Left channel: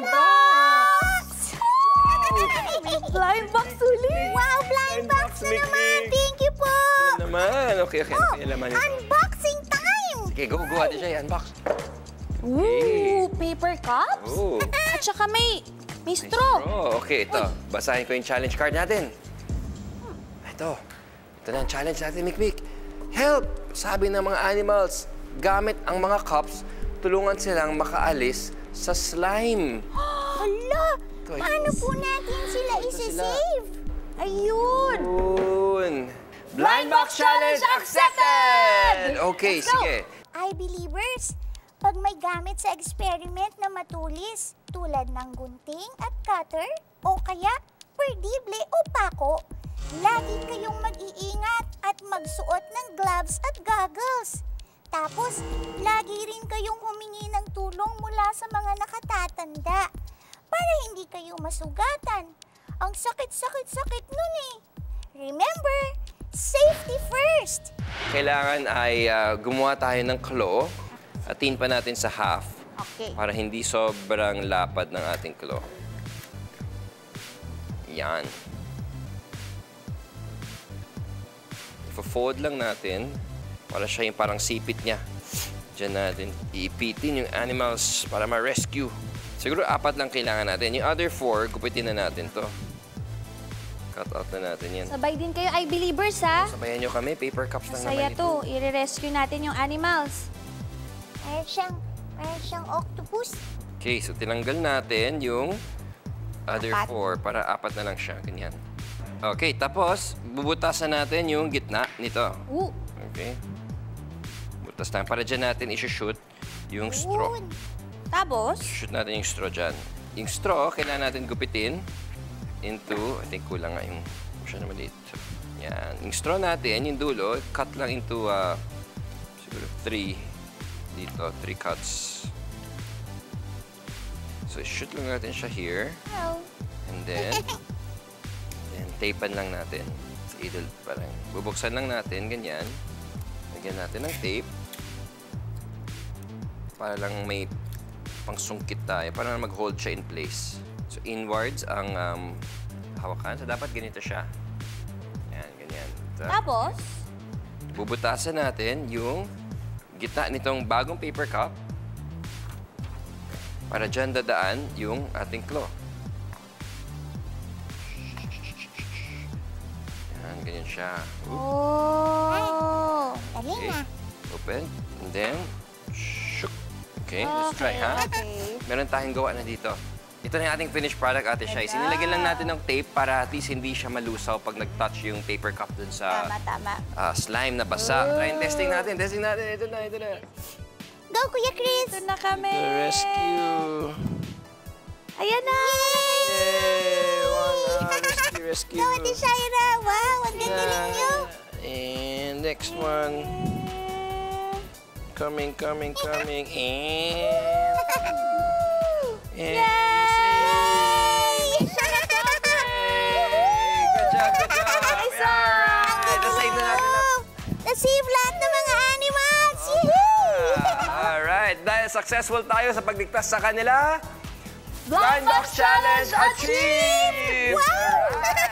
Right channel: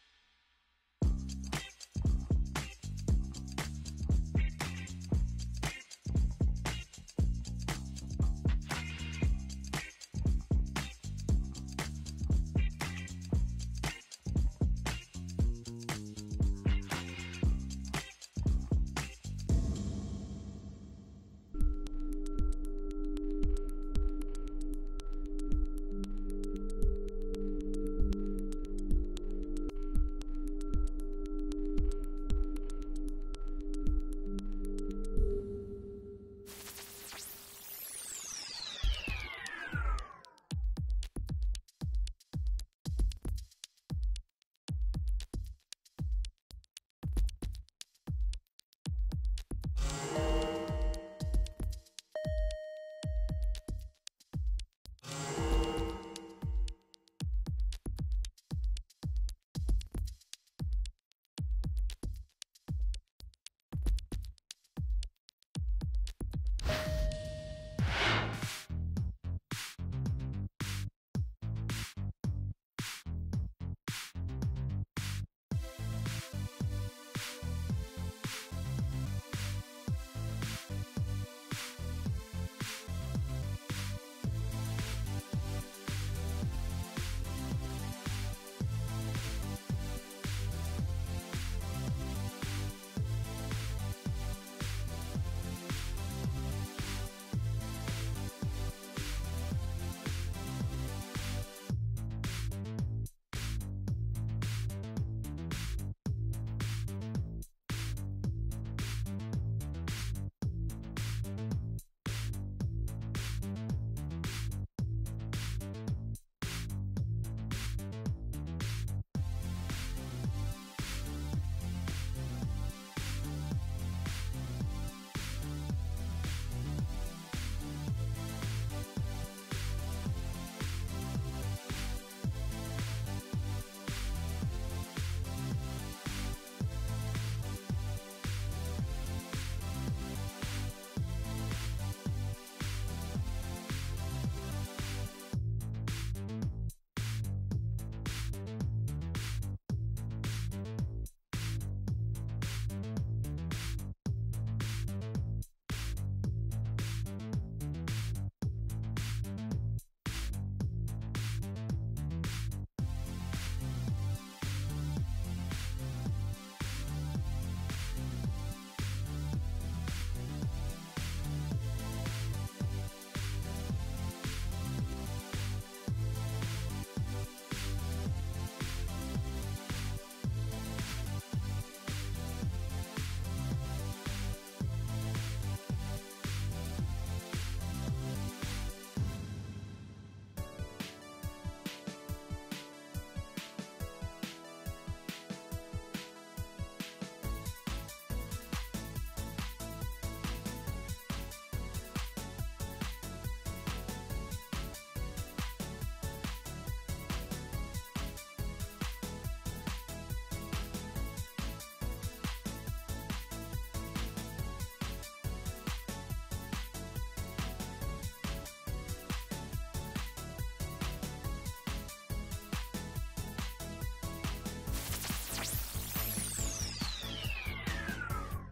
blind box! Blind box ulit! Wow, blind box na naman! Thank you po! Ano naman? Okay. Oh, May laman yun. unboxing time! Okay, go. Ate Shay, unbox. Ooh, paper cups? Oh. At saka may straw. Okay, ito. Basahin ko yung challenge card natin. Ito na ang challenge natin, Mikmik. Help! Sabi ng mga animals, gamit ang mga cups, tulungan silang makaalis sa slime. Hala! Paano po natin sila isa-save? Ayun! Yun. Blind box challenge accepted! Okay, sige. I-believers, pag may gamit sa experiment na matulis, tulad ng gunting at cutter, o kaya perdible o pako, lagi kayong mag-iingat at magsuot ng gloves at goggles. Tapos, lagi rin kayong humingi ng tulong mula sa mga nakatatanda para hindi kayo masugatan. Ang sakit-sakit-sakit nun eh. Remember, safety first! Kailangan ay gumawa tayo ng claw. Atin pa natin sa half. Okay. Para hindi sobrang lapad ng ating claw. Yan. Ipo-fold lang natin para siya yung parang sipit niya. Diyan natin iipitin yung animals para ma-rescue. Siguro 4 lang kailangan natin. Yung other 4, gupitin na natin to. Cut out na natin yan. Sabay din kayo, I-believers, ha? Sabayan nyo kami, paper cups lang Saya naman to. I-rescue natin yung animals. Meron siyang octopus. Okay, so tinanggal natin yung other 4 para 4 na lang siya. Ganyan. Okay, tapos bubutasan natin yung gitna nito. Ooh. Okay. Butas na. Para dyan natin isi-shoot yung straw. Tapos? Shoot natin yung straw dyan. Yung straw, kailangan natin gupitin into, I think kulang nga yung siya na maliit. Yan. Yung straw natin, yung dulo, cut lang into 3 dito, 3 cuts. So, shoot lang natin siya here. And then, tapean lang natin. Idol parang. Bubuksan lang natin, ganyan. Lagyan natin ng tape. Para lang may pangsungkit tayo. Para mag-hold siya in place. So, inwards ang hawakan. So, dapat ganito siya. Yan, ganyan. Tapos? Bubutasan natin yung gitna nitong bagong paper cup. Para dyan dadaan yung ating claw. Ganyan siya. Oh! Dali na. Open. And then, shook. Okay, let's try, ha? Okay. Meron tayong gawa na dito. Ito na yung ating finished product, Ate Shai. Sinilagyan lang natin ng tape para at least hindi siya malusaw pag nag-touch yung paper cup dun sa Tama. slime na basa. Try testing natin. Ito na. Go, Kuya Chris! Ito na kami! The rescue! Ayan na! Yay! Rescue! Go, Ate Shaira! Wow, ang gagaling niyo! And next one. Coming. And Yay! good job. Nasave na natin. Nasave lahat ng mga animals! Yehey! Alright, dahil successful tayo sa pagligtas sa kanila, Blind Box Challenge achieved! Wow!